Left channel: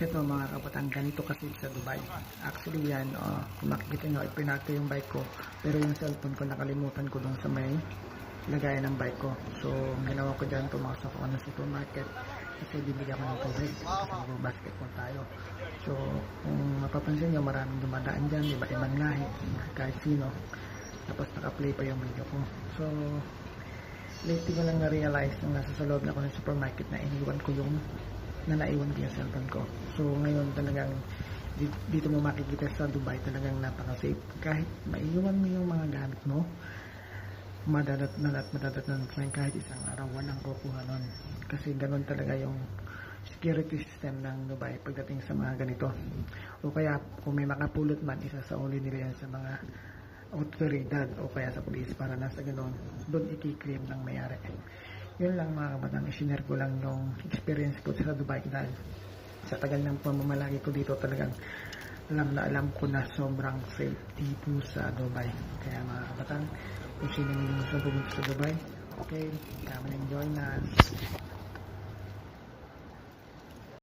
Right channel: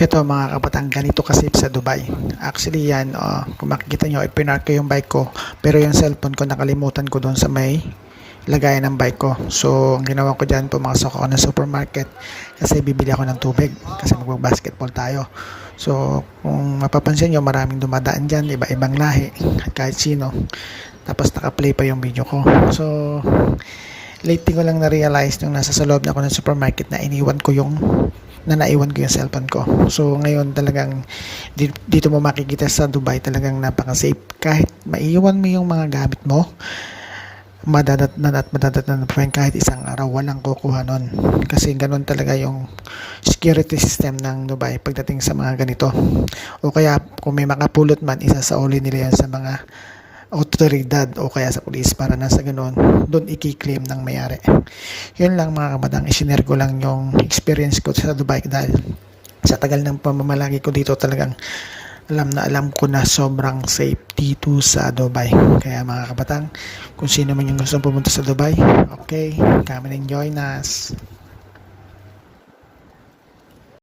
Ito mga kabatang, ganito kasi sa Dubai. Actually yan, kung makikita nyo, ipinark ko yung bike ko. Pero yung cellphone ko, nakalimutan ko doon sa may lagayan ng bike ko. So, ang ginawa ko dyan, pumasok ako ng supermarket kasi bibili ako ng tubig kasi mag-basketball tayo. So, kung mapapansin nyo, maraming dumadaan dyan, iba-ibang lahi, kahit sino. Tapos naka-play pa yung video ko. So, lately ko lang na-realize nung nasa sa loob na ako ng supermarket na naiwan ko yung cellphone ko. So ngayon talagang dito mo makikita sa Dubai, talagang napaka-safe. Kahit maiwan mo yung mga gamit mo, madadatnan pa rin kahit isang araw, walang kukuha nun. Kasi ganun talaga yung security system ng Dubai pagdating sa mga ganito. O kaya kung may makapulot man, isasauli nila yan sa mga autoridad o kaya sa police para nasa ganun doon i-claim ng may-ari. Yun lang mga kabatang, isinare ko lang yung experience ko sa Dubai dahil sa tagal ng pamamalagi ko dito, talagang alam ko na sobrang safe dito sa Dubai. Kaya mga kabatang, kung sino man yung gusto pumunta sa Dubai, okay, come and join us.